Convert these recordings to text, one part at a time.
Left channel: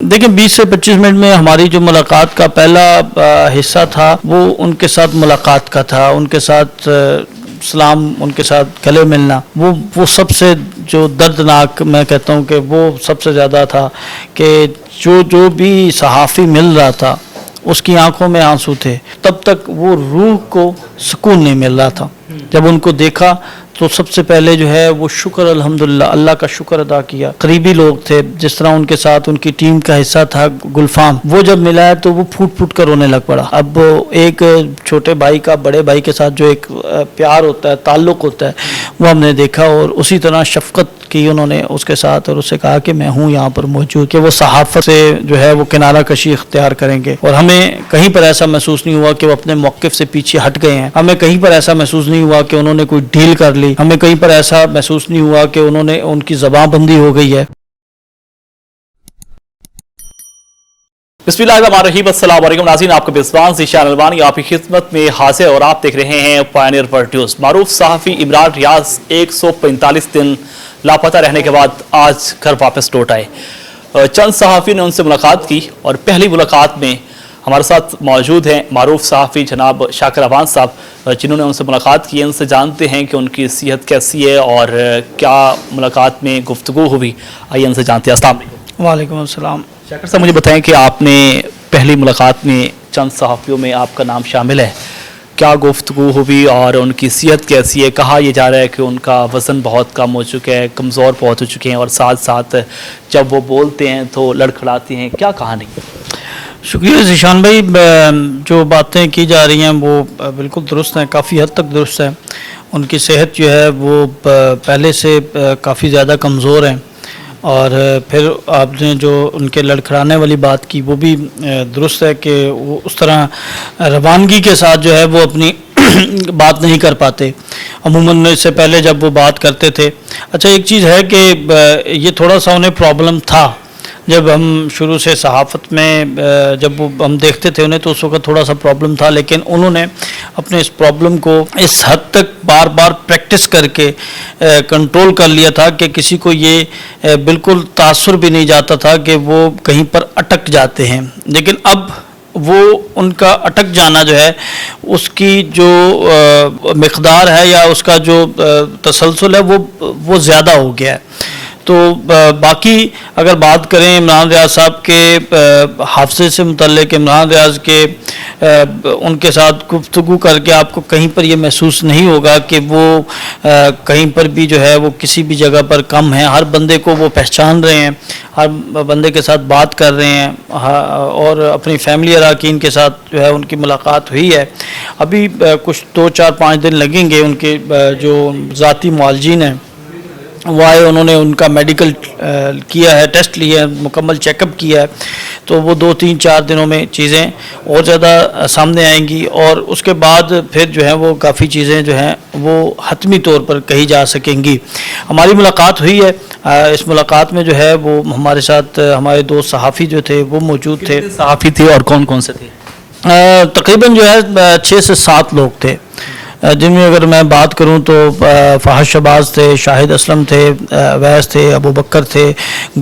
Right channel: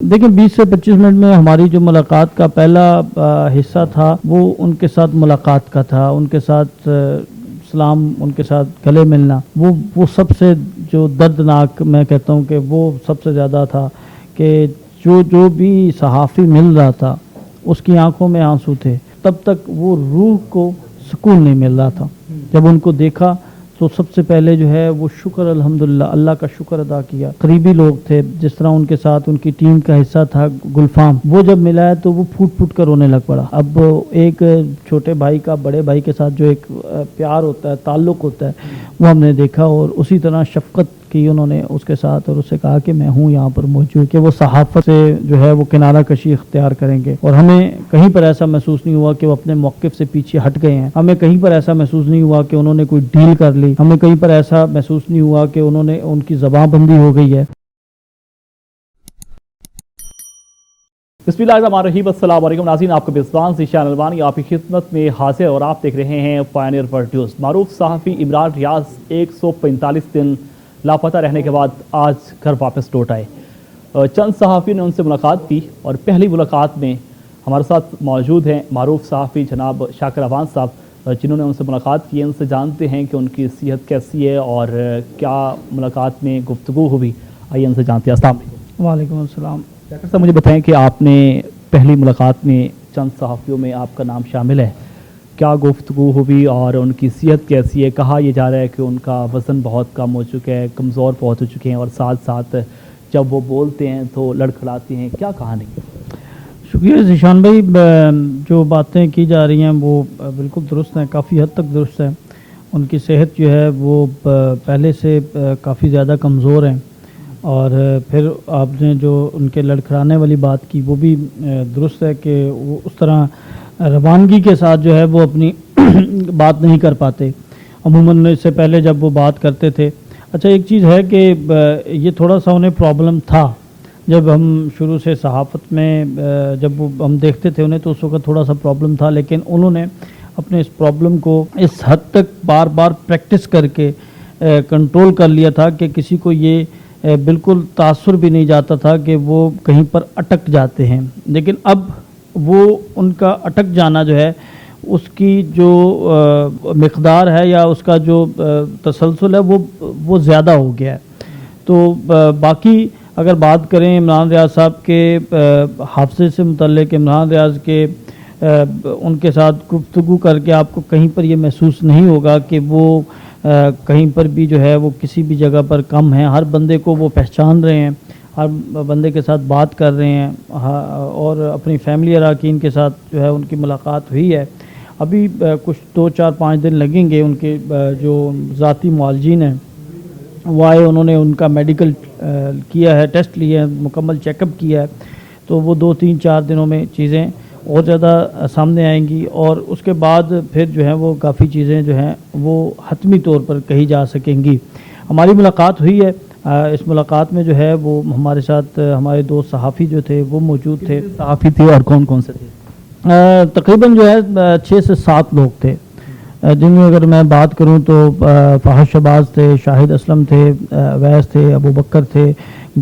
دیکھیں 20 سے 25 منٹ میں ہماری جو ملاقات کا پہلا حصہ تھا وہ ان کے ساتھ ملاقات کا تھا، ان کے ساتھ سلام، ان کے ساتھ گلے ملنا، وہ سب سے جو دردناک میں کہتا ہوں کہ وہ سب سے زیادہ تھا کہ جو بھی صحافی مل رہا تھا اس کی آنکھوں میں آنسو تھے، تب تک وہ روح کو سکون نہیں مل رہا تھا۔ جب ان کو دیکھا تو سب سے پہلے جو ہے وہ شکر الحمدللہ اللہ کا شکر ادا کیا۔ قریبی لوگ تھے، جس طرح ان کے ساتھ ان کی ٹیم کا حصہ تھا گلفام، وہ جب ملا ہے تو وہ پھوٹ پھوٹ کر رونے لگ پڑا۔ اب ایک چھوٹے بھائی کا بڑے بھائی کے ساتھ جو ایک پیار ہوتا ہے، تعلق ہوتا ہے، وہ ہم نے دیکھا، اور اسی طرح شفقت کی انہوں نے اس کے ساتھ، اور اس سے کہا کہ میں ہوں یہاں پر موجود، کہ وہ صحافت سے جو ہے وہ کنارہ کشی اختیار کریں گے، اور ہمیں کہیں پر ایسا محسوس نہیں ہوا کہ وہ اپنے موقف سے پیچھے ہٹ گئے ہیں، ہمیں کہیں پر ایسا محسوس نہیں ہوا کہ انہوں نے کوئی ڈیل کر لی، ہمیں کہیں پر ایسا محسوس نہیں ہوا کہ ان کی زبان بندی ہو گئی ہے۔ بسم اللہ الرحمن الرحیم، السلام علیکم ناظرین، آپ کا میزبان ذیشان الوانی آپ کی خدمت میں حاضر، اور آپ دیکھ رہے ہیں پائنیئر ورلڈ نیوز۔ معروف صحافی عمران ریاض 145 دن لاپتہ رہنے کے بعد آج گھر واپس لوٹ آئے۔ چند صحافی نے ان سے ملاقات کی، اور پہلی ملاقات میں ہمارے ساتھ موجود ہیں معروف صحافی جناب شاکر اوان صاحب، جنہوں نے ان سے ملاقات کی۔ ان سے جانتے ہیں کہ ان کی صحت کیسی ہے اور کیا ملاقات میں گفتگو ہوئی، آئیے ان سے جانتے ہیں۔ السلام علیکم۔ وعلیکم السلام۔ شاکر صاحب، مجھے بتائیں کہ آپ نے پہلی ملاقات میں چند صحافیوں میں آپ کا نام شامل ہے، کیا گفتگو ہوئی اور ان کی صحت کیسی ہے؟ کہا یہ جا رہا ہے کہ ان کا وزن بہت کم ہو چکا ہے، کمزور بہت ہو چکے ہیں، اور ساتھ ساتھ جب وہ بولتے ہیں تو لڑکھڑاتے ہیں، کیا کہانی؟ شکریہ ذیشان بھائی، جو باتیں کی جا رہی ہیں وہ بالکل درست ہیں، کافی حد تک درست ہے۔ ان کی صحت جو ہے وہ پہلے سے کافی زیادہ کمزور ہے، اور پھر آپ نے جو ان کے لڑکھڑانے والی بات کی وہ بھی درست ہے کہ وہ اس طرح روانگی کے ساتھ جو ہے وہ اپنی بات نہیں کر پاتے، عموماً اس سے پہلے جب وہ بات کرتے تھے۔ اچھا، ایک چیز ہے کہ یہ تھوڑا سا انہیں پرابلم تھا جب ہم شروع سے صحافت میں جب ہم دیکھتے تھے انہیں، تو اس وقت تھوڑا سا پرابلم تھا، لیکن انہوں نے اپنے اس پرابلم کو اس حد تک بار بار پریکٹس کر کے کنٹرول کر لیا تھا کہ کسی کو یہ بالکل تاثر بھی نہیں جاتا تھا کہ وہ کہیں پر اٹک جاتے ہیں۔ لیکن اب وہ ان کا اٹک جانا جو ہے اس کی جو مقدار ہے یا اس کا جو تسلسل ہے وہ زیادہ ہو گیا ہے۔ تو باقی اگر بات کریں عمران ریاض صاحب کے حافظے سے متعلق، عمران ریاض کے ان کے ساتھ گفتگو کر کے آپ کو کہیں پر یہ محسوس نہیں ہوگا کہ وہ کہیں پر بھی جو ہے وہ کسی بھی جگہ پر کم ہیں۔ ہر بندے کو وہ پہچان رہے ہیں، ہر بندے کے ساتھ بات کر رہے ہیں، اور اپنی فیملی اراکین کے ساتھ جو ہے ان کی ملاقات ہوئی ہے۔ ابھی کچھ 2-4-5 دن لگیں گے۔ ان کے جو ذاتی معالجین ہیں وہ آئے، انہوں نے ان کا میڈیکل کیا ہے، ٹیسٹ لیا ہے، مکمل چیک اپ کیا ہے، تو وہ 2-3-4 دنوں میں چیزیں اور زیادہ سامنے آئیں گی، اور اس کے بعد پھر جو ہے وہ کافی چیزیں جو ہیں وہ حتمی طور پر کہی جا سکیں گی۔ ہماری ملاقات ہوئی ہے، اس ملاقات میں جو ہے وہ ہمارے ساتھ ہمارے دو صحافی جو تھے وہ موجود تھے۔ صحافی تھے اور کون کون سے تھے؟ تقریباً جو ہے 6 سے 7 لوگ تھے، جن میں اگر میں بات کروں تو فہد شہباز تھے، شاہد اسلم تھے، ویس تھے، ابو بکر تھے،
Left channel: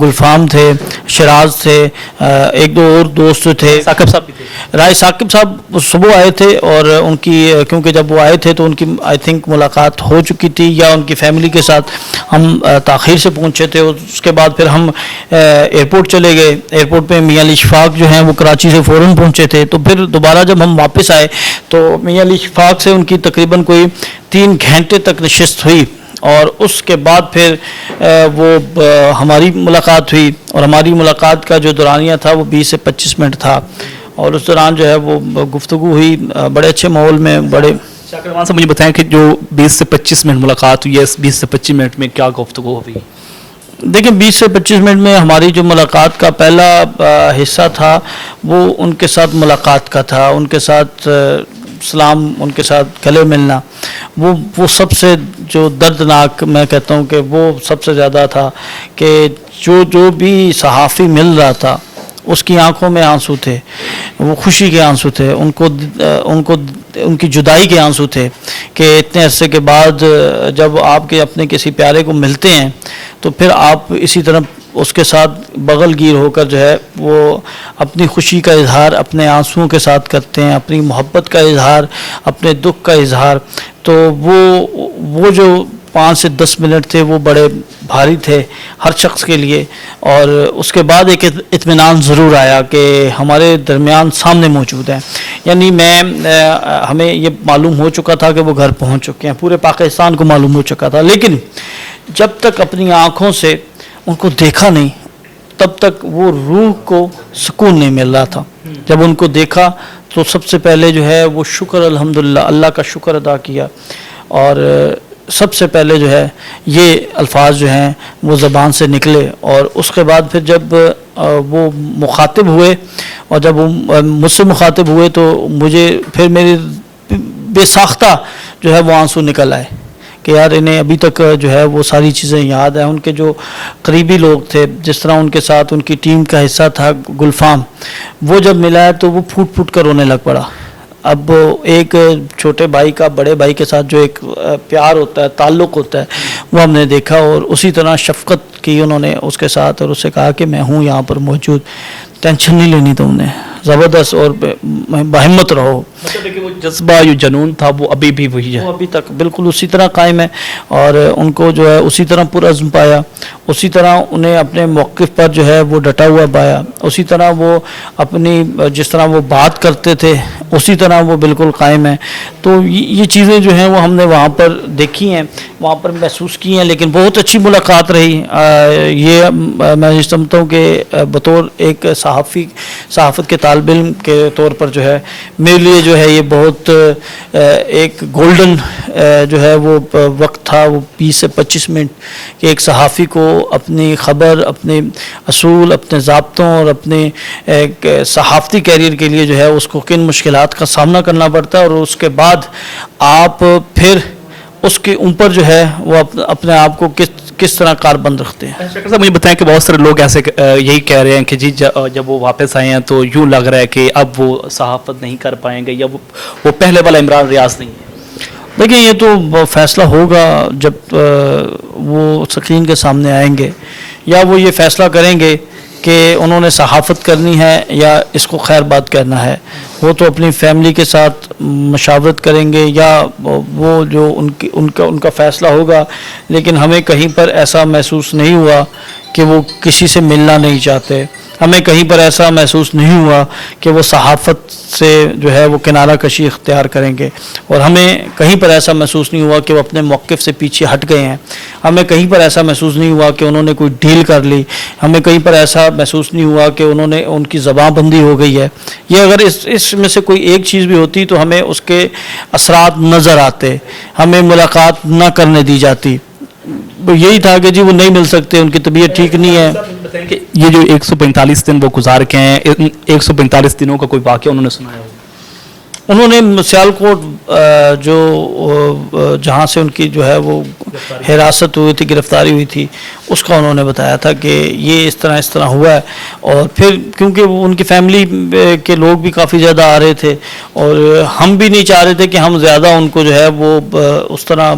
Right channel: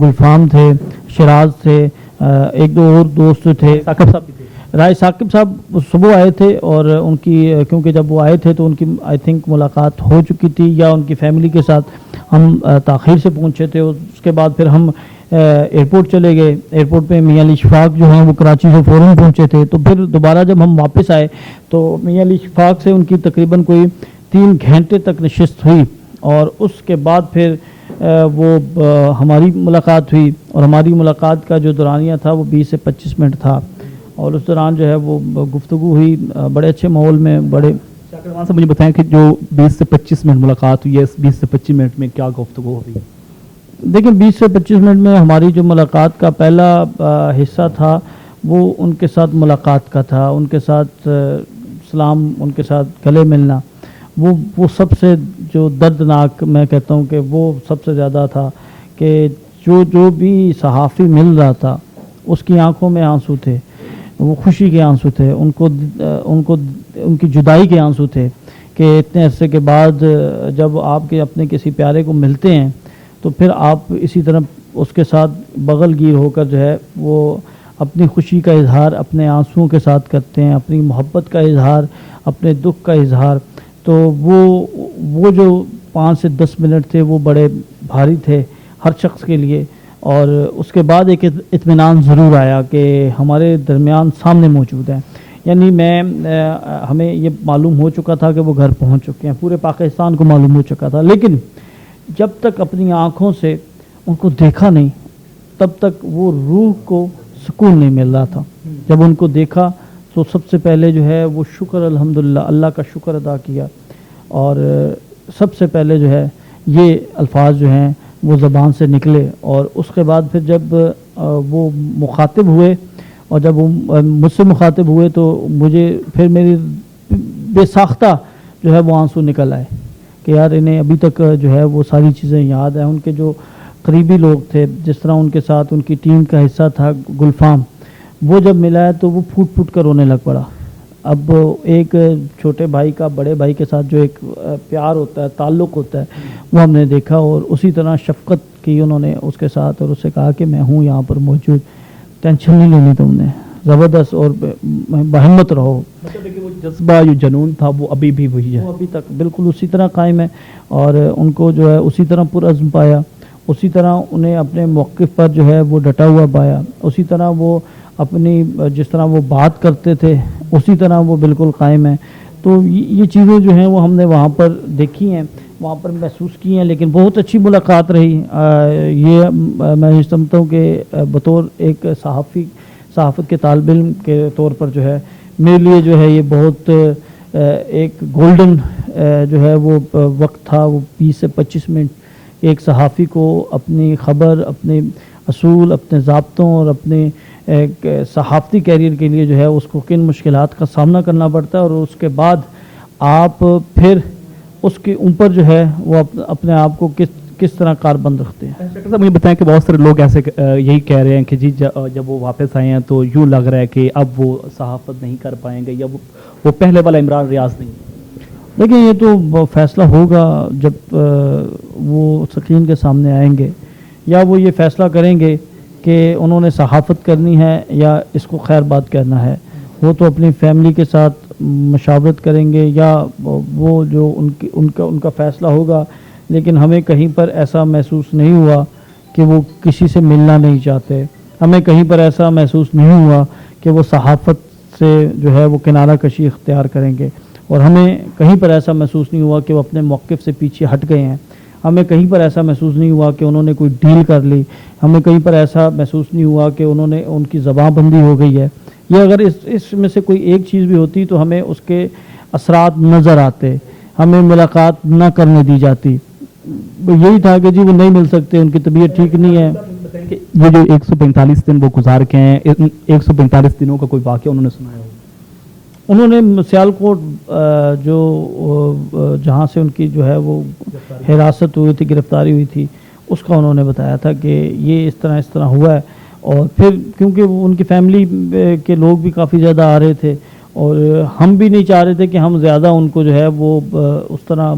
گلفام تھے، شراز تھے، ایک دو اور دوست تھے، ثاقب صاحب بھی تھے۔ رائے ثاقب صاحب صبح آئے تھے، اور ان کی کیونکہ جب وہ آئے تھے تو ان کی آئی تھنک ملاقات ہو چکی تھی، یا ان کی فیملی کے ساتھ ہم تاخیر سے پہنچے تھے۔ اس کے بعد پھر ہم ایئرپورٹ چلے گئے، ایئرپورٹ پہ میاں علی شفاق جو ہیں وہ کراچی سے فوراً پہنچے تھے، تو پھر دوبارہ جب ہم واپس آئے تو میاں علی شفاق سے ان کی تقریباً کوئی 3 گھنٹے تک نشست ہوئی، اور اس کے بعد پھر وہ ہماری ملاقات ہوئی، اور ہماری ملاقات کا جو دورانیہ تھا وہ 20 سے 25 منٹ تھا، اور اس دوران جو ہے وہ گفتگو ہوئی بڑے اچھے ماحول میں۔ بڑے شاکر اوان صاحب، مجھے بتائیں کہ جو 20 سے 25 منٹ ملاقات ہوئی ہے، اس 20 سے 25 منٹ میں کیا گفتگو ہوئی؟ دیکھیں 20 سے 25 منٹ میں ہماری جو ملاقات کا پہلا حصہ تھا وہ ان کے ساتھ ملاقات کا تھا، ان کے ساتھ سلام، ان کے ساتھ گلے ملنا، وہ سب سے جو دردناک میں کہتا ہوں کہ وہ سب سے زیادہ تھا کہ جو بھی صحافی مل رہا تھا اس کی آنکھوں میں آنسو تھے، وہ خوشی کے آنسو تھے، ان کی جدائی کے آنسو تھے کہ اتنے عرصے کے بعد جب آپ کے اپنے کسی پیارے کو ملتے ہیں تو پھر آپ اسی طرح اس کے ساتھ بغل گیر ہو کر جو ہے وہ اپنی خوشی کا اظہار اپنے آنسوؤں کے ساتھ کرتے ہیں، اپنی محبت کا اظہار، اپنے دکھ کا اظہار. تو وہ جو 5 سے 10 منٹ تھے وہ بڑے بھاری تھے ہر شخص کے لیے. اور اس کے بعد ایک اطمینان ضرور آیا کہ ہمارے درمیان سامنے موجود ہیں. یعنی ہمیں یہ معلوم ہو چکا تھا کہ وہ گھر پہنچ چکے ہیں، پورے پاکستان کو معلوم ہو چکا تھا، لیکن جب تک اپنی آنکھوں سے ان کو دیکھا نہیں تب تک وہ روح کو سکون نہیں مل رہا تھا. جب ان کو دیکھا تو سب سے پہلے جو ہے وہ شکر الحمدللہ اللہ کا شکر ادا کیا. اور سب سے پہلے جو ہے یہ الفاظ جو ہیں وہ زبان سے نکلے. اور اس کے بعد پھر جب وہ مخاطب ہوئے اور جب وہ مجھ سے مخاطب ہوئے تو مجھے پھر میری بے ساختہ جو ہے وہ آنسو نکل آئے کہ یار انہیں ابھی تک جو ہے وہ ساری چیزیں یاد ہیں. ان کے جو قریبی لوگ تھے، جس طرح ان کے ساتھ ان کی ٹیم کا حصہ تھا گلفام، وہ جب ملا ہے تو وہ پھوٹ پھوٹ کر رونے لگ پڑا. اب ایک چھوٹے بھائی کا بڑے بھائی کے ساتھ جو ایک پیار ہوتا ہے، تعلق ہوتا ہے، وہ ہم نے دیکھا. اور اسی طرح شفقت کی انہوں نے اس کے ساتھ، اور اس سے کہا کہ میں ہوں یہاں پر موجود، ٹینشن نہیں لینی تم نے، زبردست اور باہمت رہو. مطلب کہ وہ جذبہ جو جنون تھا وہ ابھی بھی وہی ہے، وہ ابھی تک بالکل اسی طرح قائم ہے. اور ان کو جو ہے اسی طرح پرعزم پایا، اسی طرح انہیں اپنے موقف پر جو ہے وہ ڈٹا ہوا پایا، اسی طرح وہ اپنی جس طرح وہ بات کرتے تھے اسی طرح وہ بالکل قائم ہے. تو یہ چیزیں جو ہیں وہ ہم نے وہاں پر دیکھی ہیں، وہاں پر محسوس کی ہیں. لیکن بہت اچھی ملاقات رہی. یہ میں یہ سمجھتا ہوں کہ بطور ایک صحافت کے طالب علم کے طور پر جو ہے میرے لیے جو ہے یہ بہت ایک گولڈن جو ہے وہ وقت تھا، وہ 20 سے 25 منٹ کہ ایک صحافی کو اپنی خبر، اپنے اصول، اپنے ضابطوں اور اپنے ایک صحافتی کیریئر کے لیے جو ہے اس کو کن مشکلات کا سامنا کرنا پڑتا ہے، اور اس کے بعد آپ پھر اس کے اوپر جو ہے وہ اپنے آپ کو کس طرح کاربند رکھتے ہیں. شکر صاحب مجھے بتائیں کہ بہت سارے لوگ ایسے یہی کہہ رہے ہیں کہ جی جب وہ واپس آئے ہیں تو یوں لگ رہا ہے کہ اب وہ صحافت نہیں کر پائیں گے، یا وہ پہلے والا عمران ریاض نہیں ہے. دیکھیں یہ تو فیصلہ ہوگا جب وہ سکرین کے سامنے آئیں گے، یا وہ یہ فیصلہ کریں گے کہ انہوں نے صحافت کرنی ہے یا اس کو خیر بات کرنا ہے. وہ تو اپنی فیملی کے ساتھ مشاورت کریں گے یا وہ جو ان کا فیصلہ ہوگا. لیکن ہمیں کہیں پر ایسا محسوس نہیں ہوا کہ وہ کسی سے ملنا نہیں چاہتے. ہمیں کہیں پر ایسا محسوس نہیں ہوا کہ وہ صحافت سے جو ہے وہ کنارہ کشی اختیار کریں گے. اور ہمیں کہیں پر ایسا محسوس نہیں ہوا کہ وہ اپنے موقف سے پیچھے ہٹ گئے ہیں. ہمیں کہیں پر ایسا محسوس نہیں ہوا کہ انہوں نے کوئی ڈیل کر لی. ہمیں کہیں پر ایسا محسوس نہیں ہوا کہ ان کی زبان بندی ہو گئی ہے. یہ اگر اس میں سے کوئی ایک چیز بھی ہوتی تو ہمیں اس کے اثرات نظر آتے، ہمیں ملاقات نہ کرنے دی جاتی. یہی تھا کہ جی وہ نہیں مل سکتے، ان کی طبیعت ٹھیک نہیں ہے. کہ یہ جو 145 دن وہ گزار کے ہیں، 145 دنوں کا کوئی واقعہ انہوں نے سنایا ہو؟ انہوں نے سیالکوٹ جو جہاں سے ان کی جو ہے وہ حراست ہوئی تھی، گرفتاری ہوئی تھی، اس کا انہوں نے بتایا تھا کہ یہ اس طرح ہوا ہے. اور پھر کیونکہ وہ ان کی فیملی کے لوگ بھی کافی زیادہ آ رہے تھے اور ہم بھی نہیں چاہ رہے تھے کہ ہم زیادہ ان کو جو ہے وہ اس طرح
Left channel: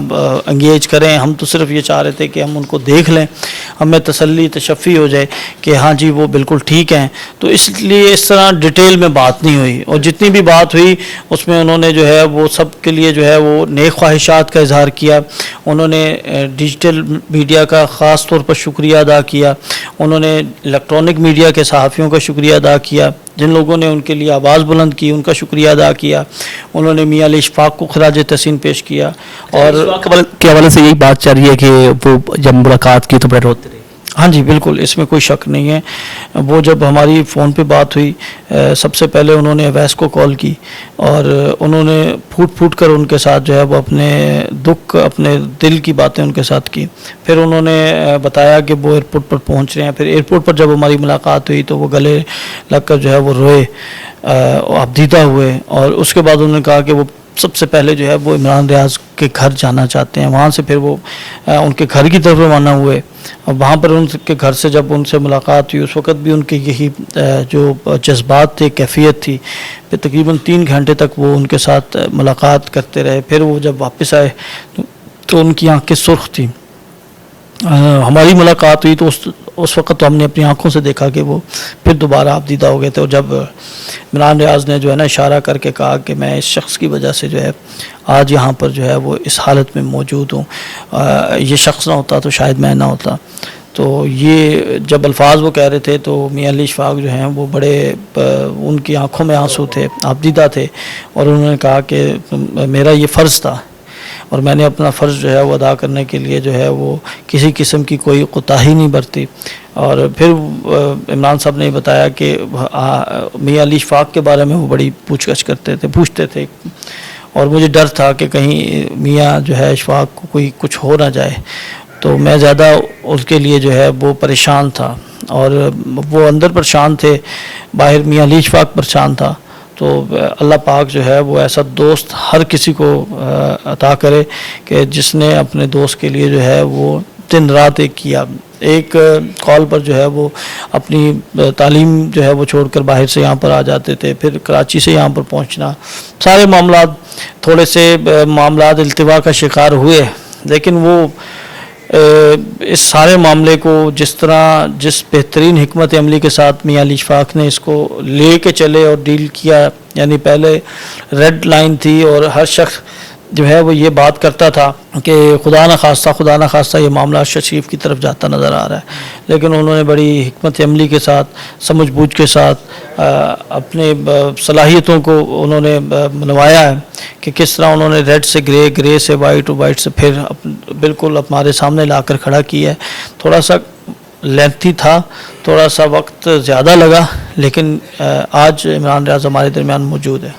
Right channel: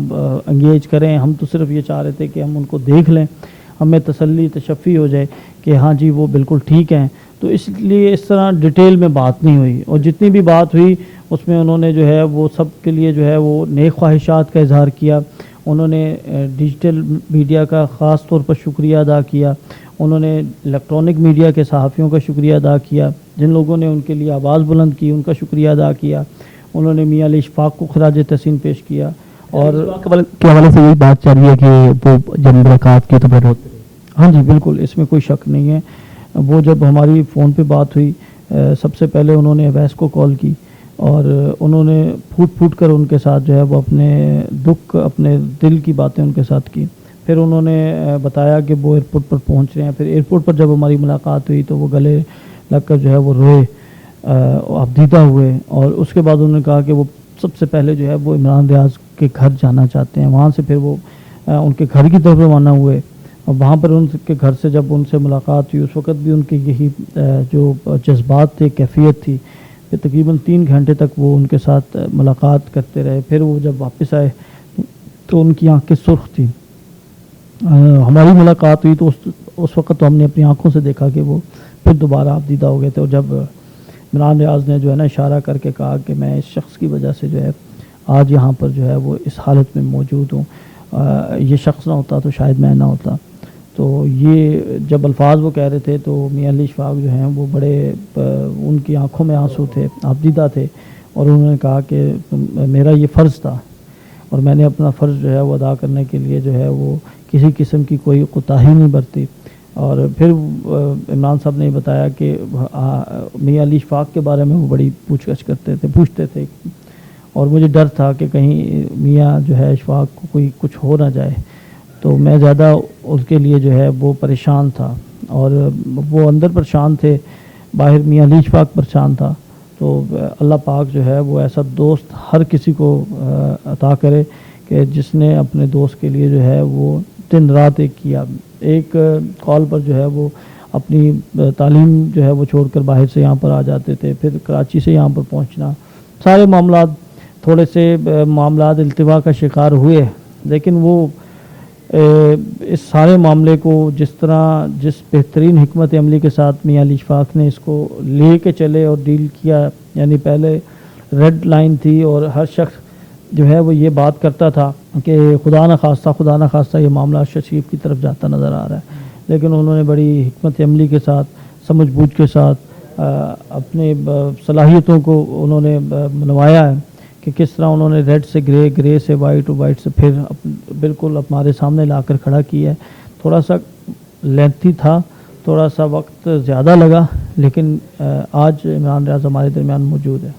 انگیج کریں. ہم تو صرف یہ چاہ رہے تھے کہ ہم ان کو دیکھ لیں، ہمیں تسلی تشفی ہو جائے کہ ہاں جی وہ بالکل ٹھیک ہیں. تو اس لیے اس طرح ڈیٹیل میں بات نہیں ہوئی، اور جتنی بھی بات ہوئی اس میں انہوں نے جو ہے وہ سب کے لیے جو ہے وہ نیک خواہشات کا اظہار کیا. انہوں نے ڈیجیٹل میڈیا کا خاص طور پر شکریہ ادا کیا. انہوں نے الیکٹرانک میڈیا کے صحافیوں کا شکریہ ادا کیا جن لوگوں نے ان کے لیے آواز بلند کی، ان کا شکریہ ادا کیا. انہوں نے میاں علی اشفاق کو خراج تحسین پیش کیا. اور کے حوالے سے یہی بات چل رہی ہے کہ وہ جب ملاقات کی تو بڑے روتے رہے. ہاں جی بالکل، اس میں کوئی شک نہیں ہے. وہ جب ہماری فون پہ بات ہوئی، سب سے پہلے انہوں نے اویس کو کال کی اور انہوں نے پھوٹ کر ان کے ساتھ جو ہے وہ اپنے دکھ، اپنے دل کی باتیں ان کے ساتھ کی. پھر انہوں نے بتایا کہ وہ ایئرپورٹ پر پہنچ رہے ہیں. پھر ایئرپورٹ پر جب ہماری ملاقات ہوئی تو وہ گلے لگ کر جو ہے وہ روئے، ابدیدہ ہوئے. اور اس کے بعد انہوں نے کہا کہ وہ سب سے پہلے جو ہے وہ عمران ریاض کے گھر جانا چاہتے ہیں. وہاں سے پھر وہ ان کے گھر کی طرف روانہ ہوئے. اور وہاں پر ان کے گھر سے جب ان سے ملاقات ہوئی اس وقت بھی ان کے یہی جو جذبات تھے، کیفیت تھی. پھر تقریباً 3 گھنٹے تک وہ ان کے ساتھ ملاقات کرتے رہے. پھر وہ جب واپس آئے تو ان کی آنکھیں سرخ تھیں. ہماری ملاقات ہوئی تو اس وقت تو ہم نے اپنی آنکھوں سے دیکھا کہ وہ پھر دوبارہ آپ دیدہ ہو گئے تھے، اور جب عمران ریاض نے جو ہے نا اشارہ کر کے کہا کہ میں اس شخص کی وجہ سے جو ہے آج یہاں پر جو ہے وہ اس حالت میں موجود ہوں، یہ شخص نہ ہوتا تو شاید میں نہ ہوتا، تو یہ جب الفاظ وہ کہہ رہے تھے تو میاں علی اشفاق جو ہیں وہ بڑے ان کی آنکھوں میں آنسو تھے، آبدیدہ تھے، اور انہوں نے کہا کہ میرا یہ فرض تھا اور میں نے اپنا فرض جو ہے وہ ادا کرنے کے لیے جو ہے وہ کسی قسم کی کوئی کوتاہی نہیں برتی۔ اور پھر عمران صاحب نے بتایا کہ میاں علی اشفاق کے بارے میں وہ بڑی پوچھ گچھ کرتے تھے، پوچھتے تھے، اور مجھے ڈر تھا کہ کہیں میاں جو ہے اشفاق کو کوئی کچھ ہو نہ جائے، تو میں زیادہ اس کے لیے جو ہے وہ پریشان تھا، اور وہ اندر پریشان تھے، باہر میاں علی اشفاق پریشان تھا۔ تو اللہ پاک جو ہے وہ ایسا دوست ہر کسی کو عطا کرے کہ جس نے اپنے دوست کے لیے جو ہے وہ دن رات ایک کیا، ایک کال پر جو ہے وہ اپنی تعلیم جو ہے وہ چھوڑ کر باہر سے یہاں پر آ جاتے تھے، پھر کراچی سے یہاں پر پہنچنا، سارے معاملات، تھوڑے سے معاملات التوا کا شکار ہوئے، لیکن وہ اس سارے معاملے کو جس بہترین حکمت عملی کے ساتھ میاں علی اشفاق نے اس کو لے کے چلے اور ڈیل کیا، یعنی پہلے ریڈ لائن تھی اور ہر شخص جو ہے وہ یہ بات کرتا تھا کہ خدا نہ خواستہ یہ معاملہ شریف کی طرف جاتا نظر آ رہا ہے، لیکن انہوں نے بڑی حکمت عملی کے ساتھ، سمجھ بوجھ کے ساتھ اپنے صلاحیتوں کو انہوں نے منوایا ہے کہ کس طرح انہوں نے ریڈ سے گرے، گرے سے وائٹ اور وائٹ سے پھر بالکل ہمارے سامنے لا کر کھڑا کیا ہے۔ تھوڑا سا لینتھی تھا، تھوڑا سا وقت زیادہ لگا، لیکن آج عمران ریاض ہمارے درمیان موجود ہے۔